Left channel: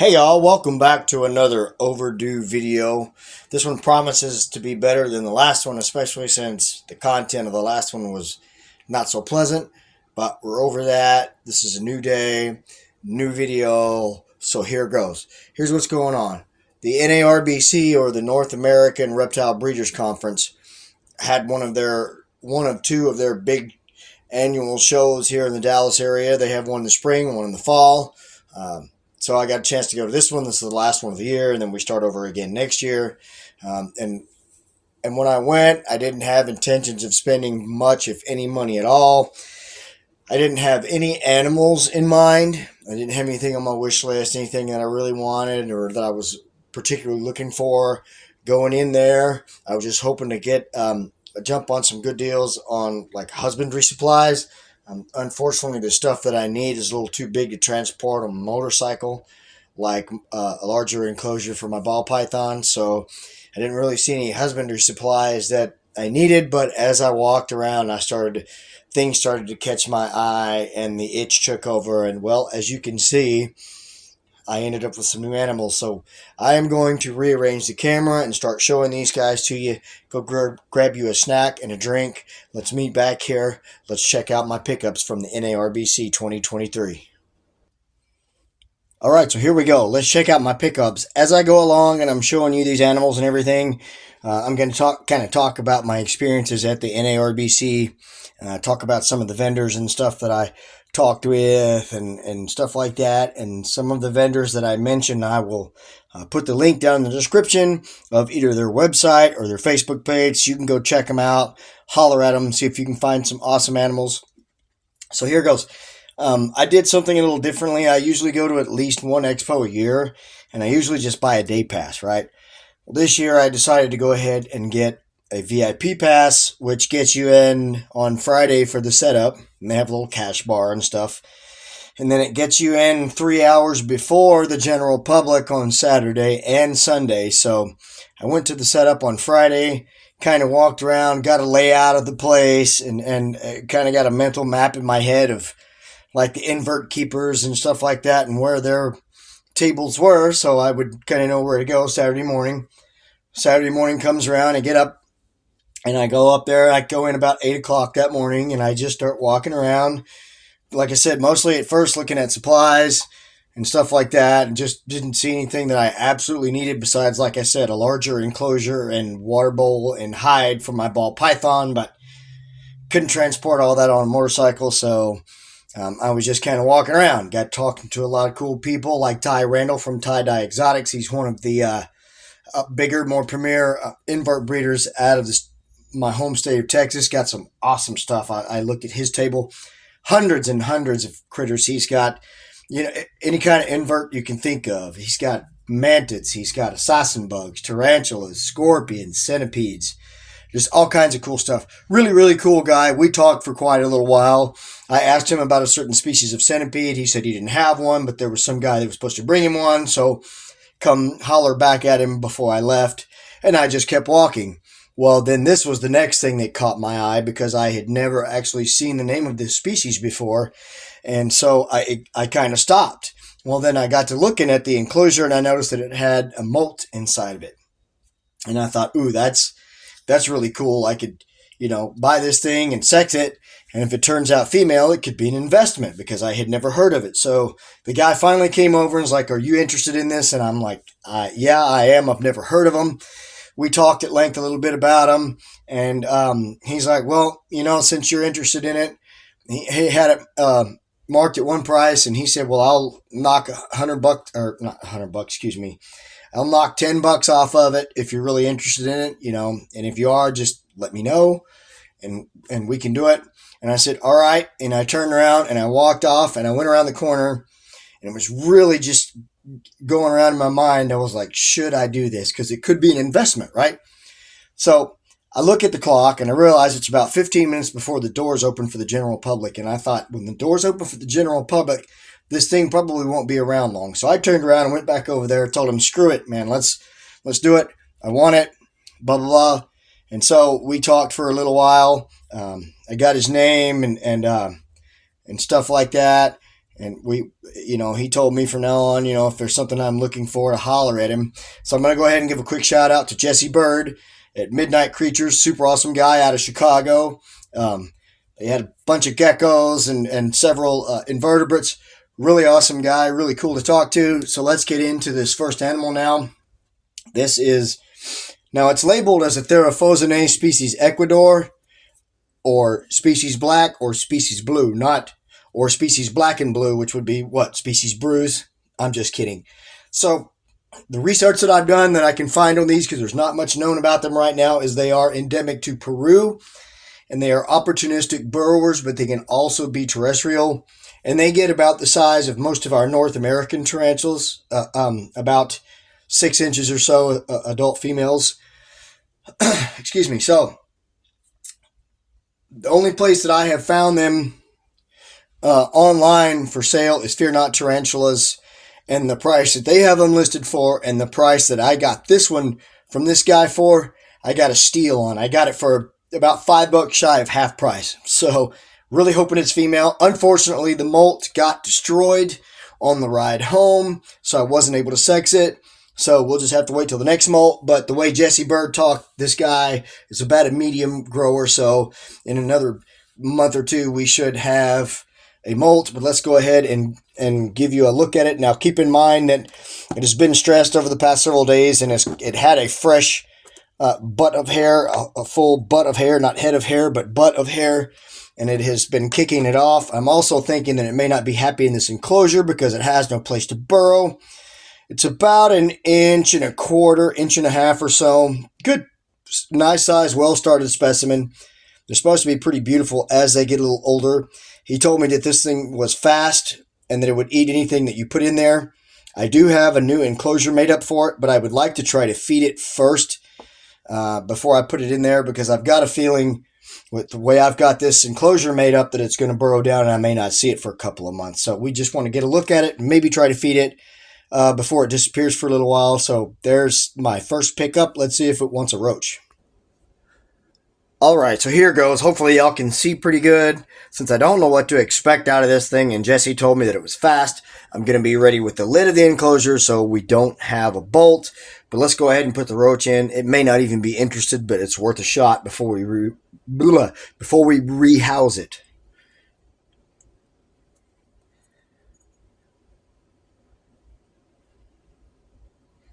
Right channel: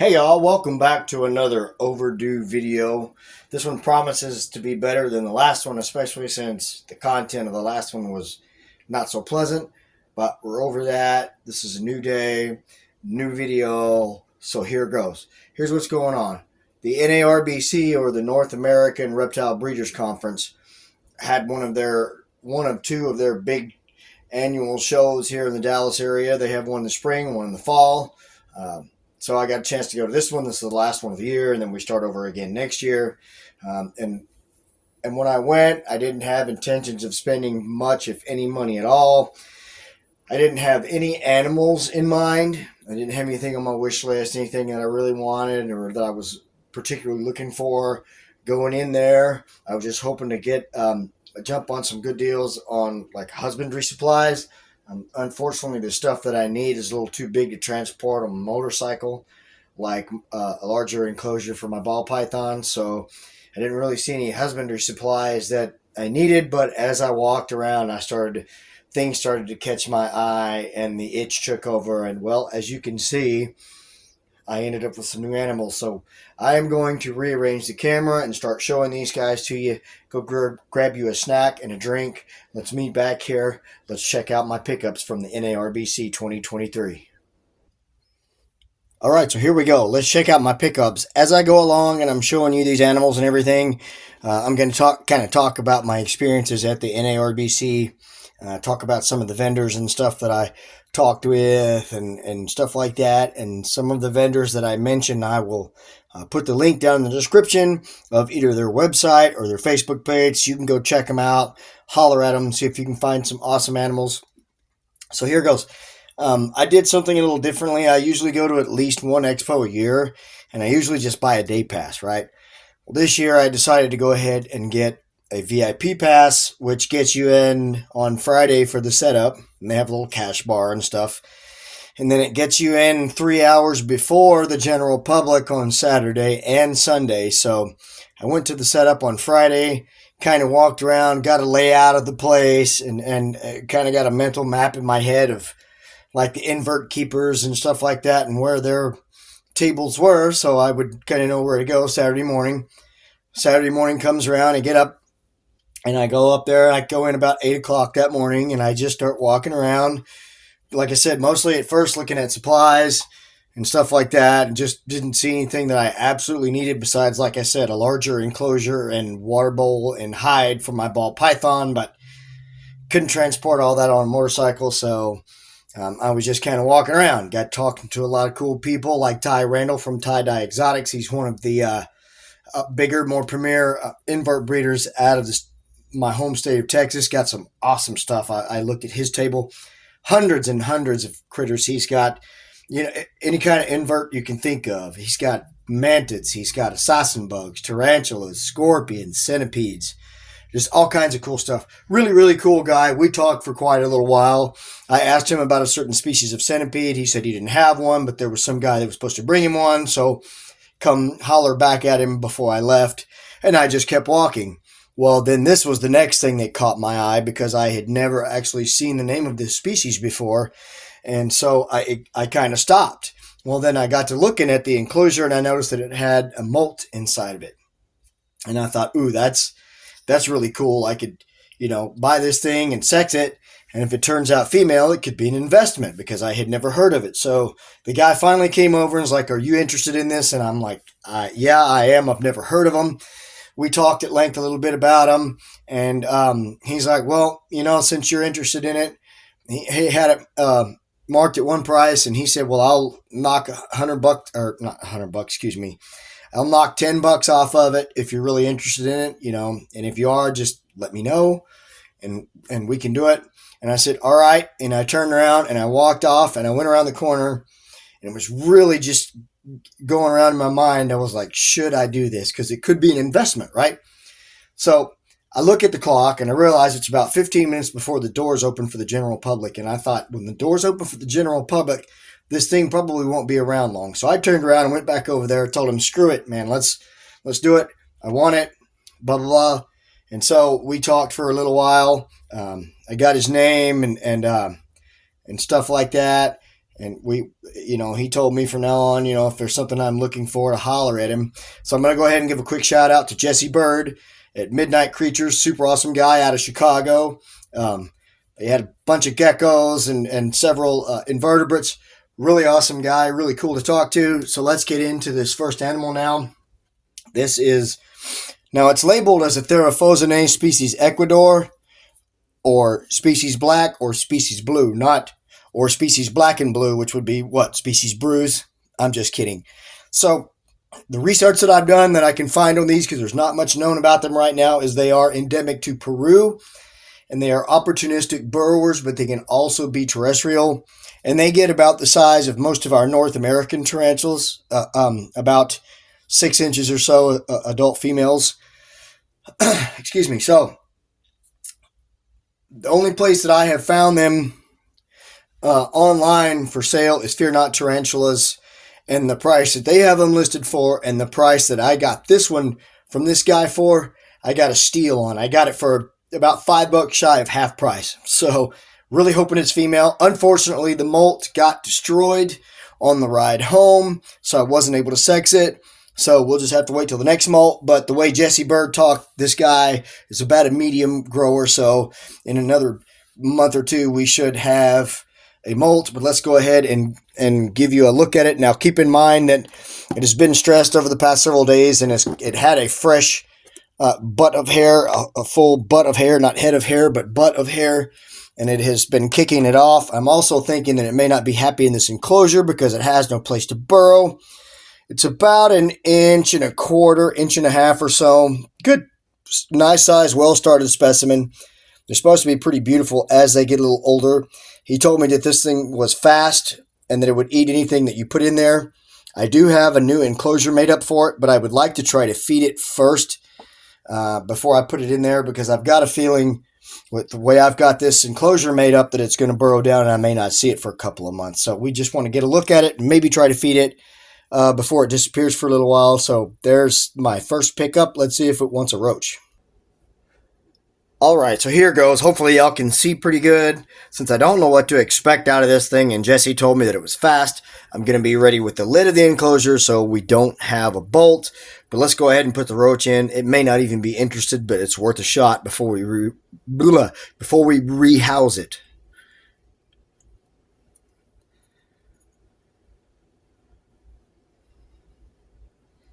Hey y'all, welcome back to another overdue video. This one promises to be better than the last one, especially since the content of the last one was not so pleasant. But we're over that. This is a new day, new video. So here goes. Here's what's going on. The NARBC, or the North American Reptile Breeders Conference, had one of two of their big annual shows here in the Dallas area. They have one in the spring, one in the fall. So I got a chance to go to this one. This is the last one of the year, and then we start over again next year. And when I went, I didn't have intentions of spending much, if any, money at all. I didn't have any animals in mind. I didn't have anything on my wish list, anything that I really wanted or that I was particularly looking for going in there. I was just hoping to get a jump on some good deals on like husbandry supplies. Unfortunately, the stuff that I need is a little too big to transport on a motorcycle, like a larger enclosure for my ball python. So I didn't really see any husbandry supplies that I needed. But as I walked around, things started to catch my eye, and the itch took over. And well, as you can see, I ended up with some new animals. So I am going to rearrange the camera and start showing these guys to you. Go grab you a snack and a drink. Let's meet back here. Let's check out my pickups from the NARBC 2023. All right, so here we go. Let's check out my pickups. As I go along and I'm showing you these animals and everything, I'm going to talk about my experiences at the NARBC, talk about some of the vendors and stuff that I talked with and stuff like that. And some of the vendors that I mentioned, I will put the link down in the description of either their website or their Facebook page. So you can go check them out, holler at them, see if you can find some awesome animals. So here goes. I did something a little differently. I usually go to at least one expo a year, and I usually just buy a day pass, right? Well, this year I decided to go ahead and get a VIP pass, which gets you in on Friday for the setup, and they have a little cash bar and stuff. And then it gets you in 3 hours before the general public on Saturday and Sunday. So I went to the setup on Friday, kind of walked around, got a layout of the place, and kind of got a mental map in my head of like the invert keepers and stuff like that and where their tables were. So I would kind of know where to go Saturday morning. Saturday morning comes around, I get up and I go up there. I go in about 8 o'clock that morning and I just start walking around. Like I said, mostly at first looking at supplies and stuff like that, and just didn't see anything that I absolutely needed besides, like I said, a larger enclosure and water bowl and hide for my ball python, but couldn't transport all that on a motorcycle. So I was just kind of walking around, got talking to a lot of cool people like Ty Randall from Tie Dye Exotics. He's one of the bigger, more premier invert breeders out of my home state of Texas. Got some awesome stuff. I looked at his table, hundreds and hundreds of critters. He's got, any kind of invert you can think of. He's got mantids, he's got assassin bugs, tarantulas, scorpions, centipedes, just all kinds of cool stuff. Really, really cool guy. We talked for quite a little while. I asked him about a certain species of centipede. He said he didn't have one, but there was some guy that was supposed to bring him one. So come holler back at him before I left. And I just kept walking. Well, then this was the next thing that caught my eye because I had never actually seen the name of this species before. And so I kind of stopped. Well, then I got to looking at the enclosure and I noticed that it had a molt inside of it. And I thought, ooh, that's really cool. I could, buy this thing and sex it. And if it turns out female, it could be an investment because I had never heard of it. So the guy finally came over and was like, are you interested in this? And I'm like, yeah, I am. I've never heard of them. We talked at length a little bit about them. And he's like, well, since you're interested in it, he had it marked at one price. And he said, well, I'll knock $100, or not $100, excuse me. I'll knock $10 off of it if you're really interested in it, and if you are, just let me know and we can do it. And I said, all right. And I turned around and I walked off and I went around the corner, and it was really just going around in my mind. I was like, should I do this? Because it could be an investment, right? So I look at the clock and I realize it's about 15 minutes before the doors open for the general public. And I thought, when the doors open for the general public, this thing probably won't be around long. So I turned around and went back over there, told him, screw it, man, let's do it. I want it, blah, blah, blah. And so we talked for a little while. I got his name and stuff like that. And he told me from now on, if there's something I'm looking for, to holler at him. So I'm going to go ahead and give a quick shout out to Jesse Bird at Midnight Creatures. Super awesome guy out of Chicago. He had a bunch of geckos and several invertebrates. Really awesome guy, really cool to talk to. So let's get into this first animal now. Now it's labeled as a Theraphosinae species Ecuador, or species black, or species blue, or species black and blue, which would be what? Species bruise? I'm just kidding. So the research that I've done that I can find on these, because there's not much known about them right now, is they are endemic to Peru, and they are opportunistic burrowers, but they can also be terrestrial. And they get about the size of most of our North American tarantulas, about 6 inches or so, adult females. Excuse me. So the only place that I have found them online for sale is Fear Not Tarantulas, and the price that they have them listed for, and the price that I got this one from this guy for, I got a steal on. I got it for about $5 shy of half price. So really hoping it's female. Unfortunately, the molt got destroyed on the ride home, so I wasn't able to sex it. So we'll just have to wait till the next molt. But the way Jesse Bird talked, this guy is about a medium grower. So in another month or two, we should have a molt. But let's go ahead and give you a look at it. Now, keep in mind that it has been stressed over the past several days, and it had a fresh butt of hair, a full butt of hair, not head of hair, but butt of hair. And it has been kicking it off. I'm also thinking that it may not be happy in this enclosure because it has no place to burrow. It's about 1.25 inches, 1.5 inches or so. Good, nice size, well-started specimen. They're supposed to be pretty beautiful as they get a little older. He told me that this thing was fast and that it would eat anything that you put in there. I do have a new enclosure made up for it, but I would like to try to feed it first before I put it in there, because I've got a feeling with the way I've got this enclosure made up that it's going to burrow down and I may not see it for a couple of months. So we just want to get a look at it and maybe try to feed it before it disappears for a little while. So there's my first pickup. Let's see if it wants a roach. All right, so here goes. Hopefully y'all can see pretty good. Since I don't know what to expect out of this thing, and Jesse told me that it was fast, I'm going to be ready with the lid of the enclosure so we don't have a bolt. But let's go ahead and put the roach in. It may not even be interested, but it's worth a shot before we rehouse it.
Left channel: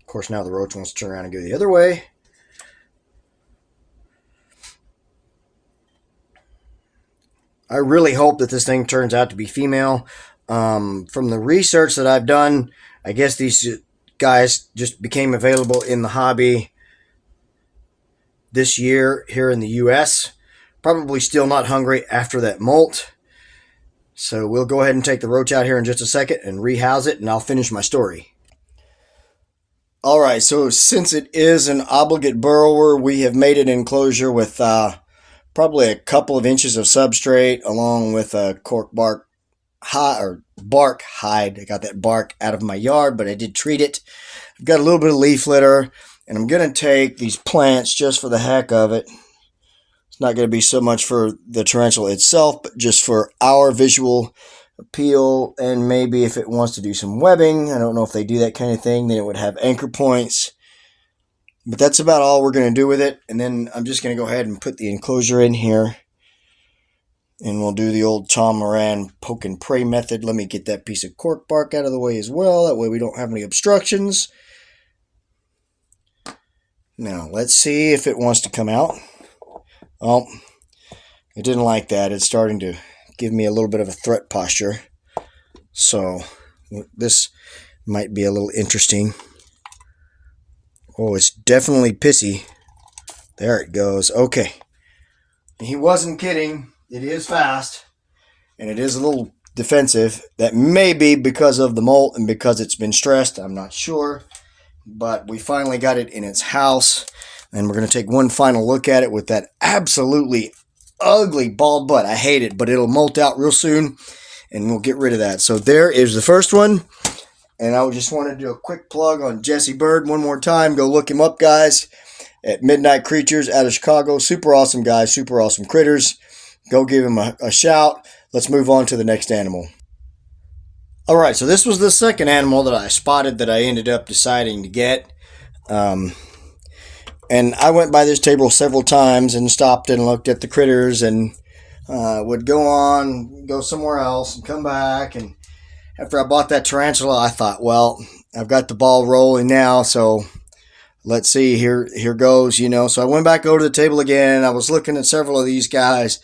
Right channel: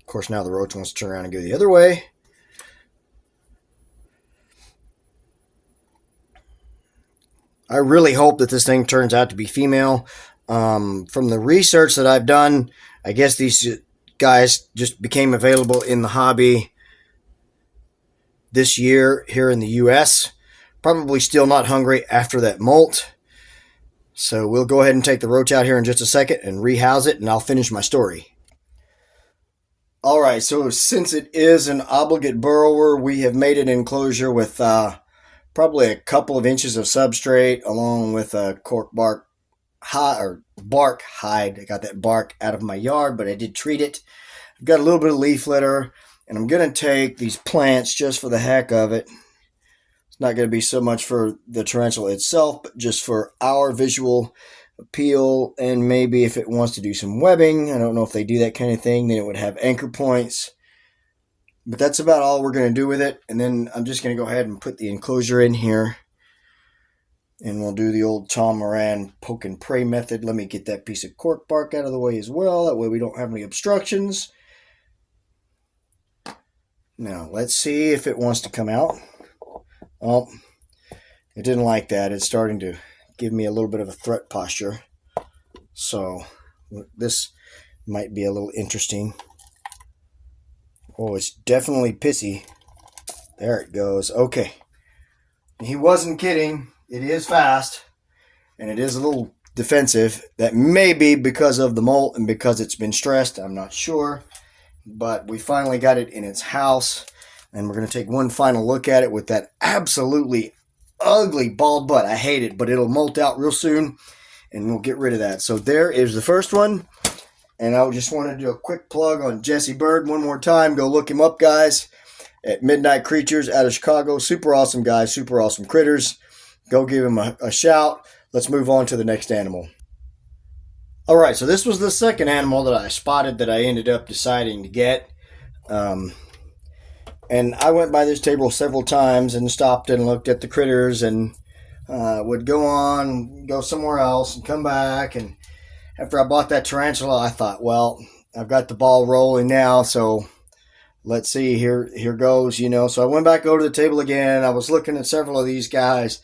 Of course, now the roach wants to turn around and go the other way. I really hope that this thing turns out to be female. From the research that I've done, I guess these guys just became available in the hobby this year here in the U.S. Probably still not hungry after that molt. So we'll go ahead and take the roach out here in just a second and rehouse it, and I'll finish my story. All right, so since it is an obligate burrower, we have made an enclosure with probably a couple of inches of substrate along with a cork bark hide. I got that bark out of my yard, but I did treat it. I've got a little bit of leaf litter, and I'm going to take these plants just for the heck of it. It's not going to be so much for the tarantula itself, but just for our visual appeal, and maybe if it wants to do some webbing. I don't know if they do that kind of thing, then it would have anchor points. But that's about all we're going to do with it. And then I'm just going to go ahead and put the enclosure in here. And we'll do the old Tom Moran poke and pray method. Let me get that piece of cork bark out of the way as well. That way we don't have any obstructions. Now, let's see if it wants to come out. Oh, it didn't like that. It's starting to give me a little bit of a threat posture. So this might be a little interesting. Oh, it's definitely pissy. There it goes. Okay. He wasn't kidding. It is fast. And it is a little defensive. That may be because of the molt and because it's been stressed. I'm not sure. But we finally got it in its house. And we're going to take one final look at it with that absolutely ugly bald butt. I hate it, but it'll molt out real soon. And we'll get rid of that. So there is the first one. And I just want to do a quick plug on Jesse Bird one more time. Go look him up, guys, at Midnight Creatures out of Chicago. Super awesome guy, super awesome critters. Go give him a shout. Let's move on to the next animal. All right, so this was the second animal that I spotted that I ended up deciding to get. Um, and I went by this table several times and stopped and looked at the critters and would go somewhere else and come back. And after I bought that tarantula, I thought, well, I've got the ball rolling now, so let's see, here goes, So I went back over to the table again. I was looking at several of these guys,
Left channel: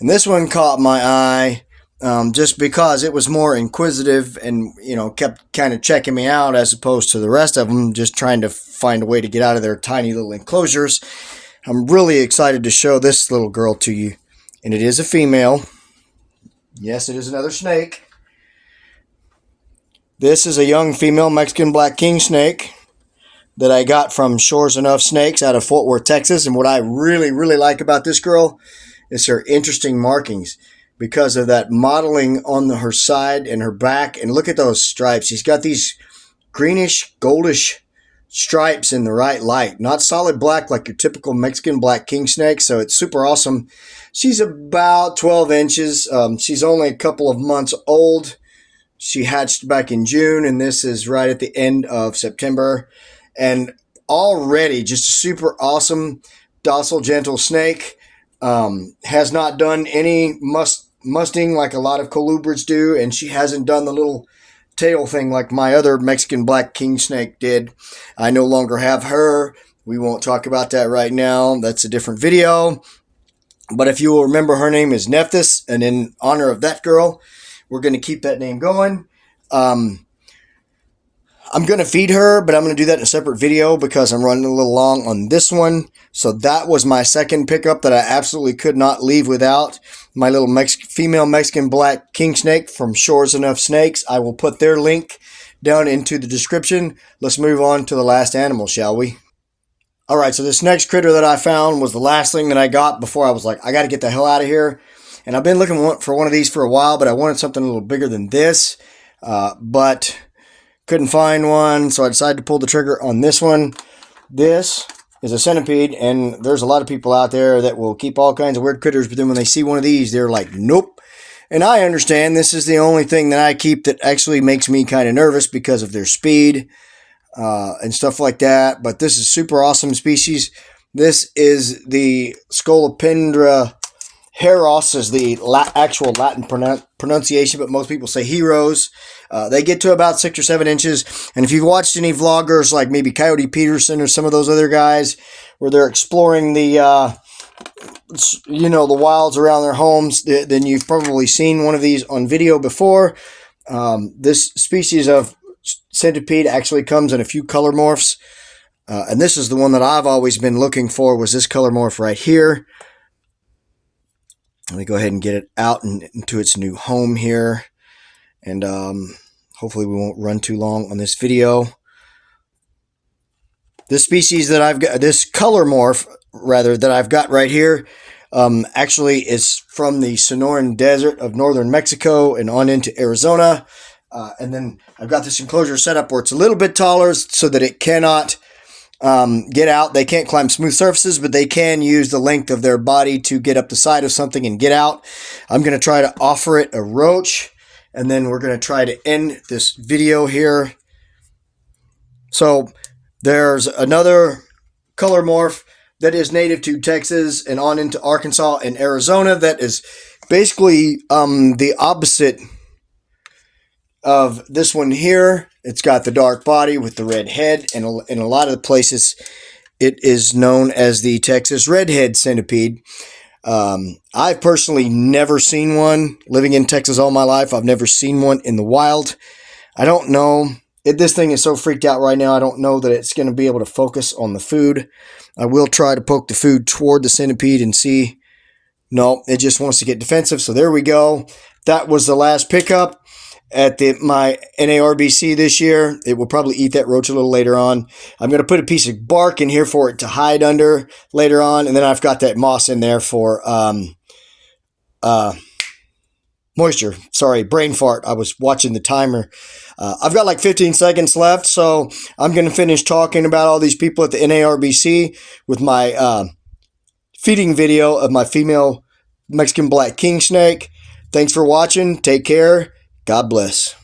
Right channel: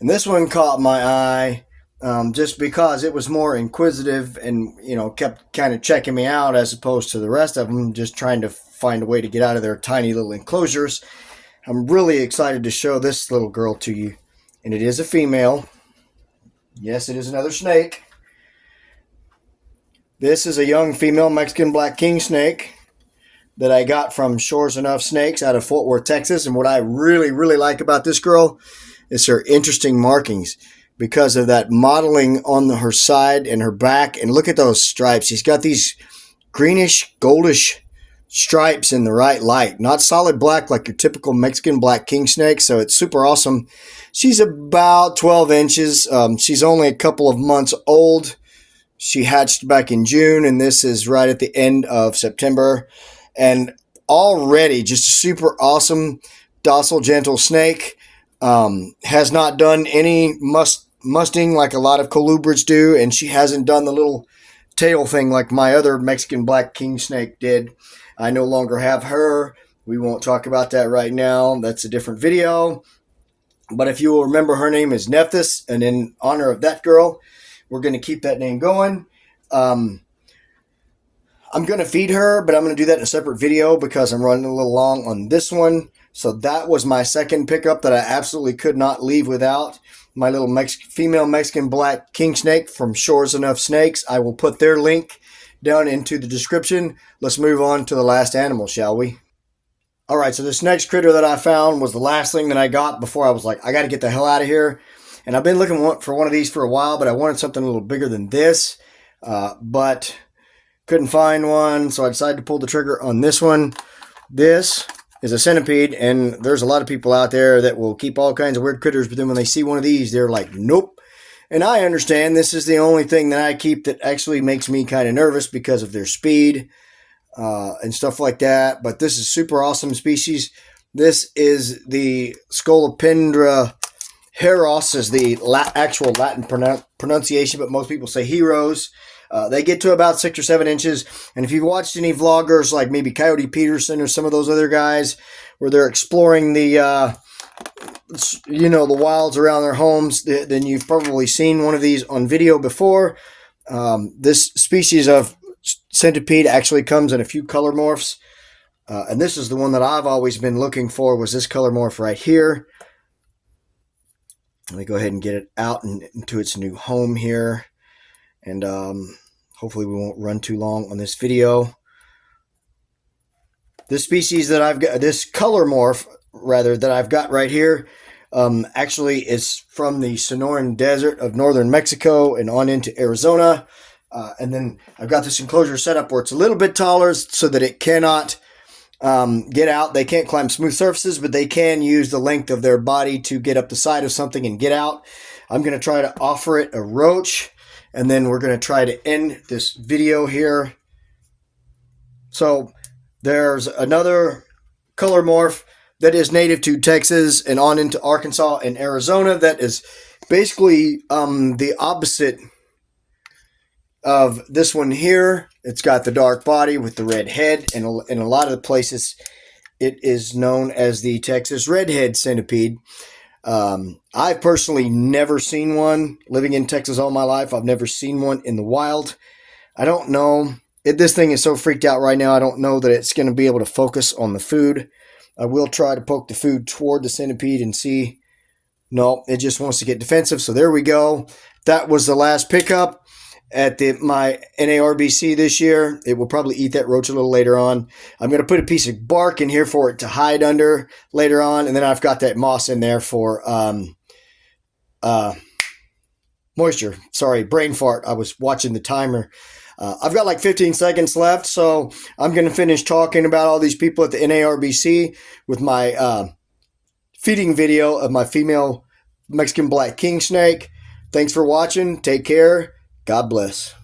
and this one caught my eye. Just because it was more inquisitive and, kept kind of checking me out as opposed to the rest of them, just trying to find a way to get out of their tiny little enclosures. I'm really excited to show this little girl to you. And it is a female. Yes, it is another snake. This is a young female Mexican black king snake that I got from Shores Enuff Snakes out of Fort Worth, Texas. And what I really, really like about this girl is her interesting markings, because of that modeling on her side and her back. And look at those stripes. She's got these greenish, goldish stripes in the right light. Not solid black like your typical Mexican black king snake, so it's super awesome. She's about 12 inches. She's only a couple of months old. She hatched back in June, and this is right at the end of September. And already just a super awesome, docile, gentle snake. Has not done any musting like a lot of colubrids do, and she hasn't done the little tail thing like my other Mexican black king snake did. I no longer have her. We won't talk about that right now. That's a different video. But if you will remember, her name is Nephthys, and in honor of that girl, we're going to keep that name going. I'm going to feed her, but I'm going to do that in a separate video because I'm running a little long on this one. So that was my second pickup that I absolutely could not leave without. My little female Mexican black king snake from Shores Enuff Snakes. I will put their link down into the description. Let's move on to the last animal, shall we? All right, so this next critter that I found was the last thing that I got before I was like, I got to get the hell out of here. And I've been looking for one of these for a while, but I wanted something a little bigger than this. But couldn't find one, so I decided to pull the trigger on this one. This is a centipede, and there's a lot of people out there that will keep all kinds of weird critters, but then when they see one of these, they're like, nope. And I understand this is the only thing that I keep that actually makes me kind of nervous because of their speed and stuff like that. But this is super awesome species. This is the Scolopendra Heros is the actual Latin pronunciation, but most people say heroes. They get to about 6 or 7 inches. And if you've watched any vloggers like maybe Coyote Peterson or some of those other guys where they're exploring the, the wilds around their homes, then you've probably seen one of these on video before. This species of centipede actually comes in a few color morphs. And this is the one that I've always been looking for, was this color morph right here. Let me go ahead and get it out into its new home here. And hopefully we won't run too long on this video. This species that I've got, this color morph, rather, that I've got right here, actually is from the Sonoran Desert of northern Mexico and on into Arizona. And then I've got this enclosure set up where it's a little bit taller so that it cannot get out. They can't climb smooth surfaces, but they can use the length of their body to get up the side of something and get out. I'm going to try to offer it a roach, and then we're going to try to end this video here. So there's another color morph that is native to Texas and on into Arkansas and Arizona that is basically the opposite of this one here. It's got the dark body with the red head, and in a lot of the places it is known as the Texas redhead centipede. I've personally never seen one. Living in Texas all my life, I've never seen one in the wild. I don't know. This thing is so freaked out right now, I don't know that it's going to be able to focus on the food. I will try to poke the food toward the centipede and see. No, it just wants to get defensive. So there we go. That was the last pickup at my NARBC this year. It will probably eat that roach a little later on. I'm going to put a piece of bark in here for it to hide under later on. And then I've got that moss in there for moisture. Sorry, brain fart. I was watching the timer. I've got like 15 seconds left, so I'm going to finish talking about all these people at the NARBC with my feeding video of my female Mexican black king snake. Thanks for watching. Take care. God bless.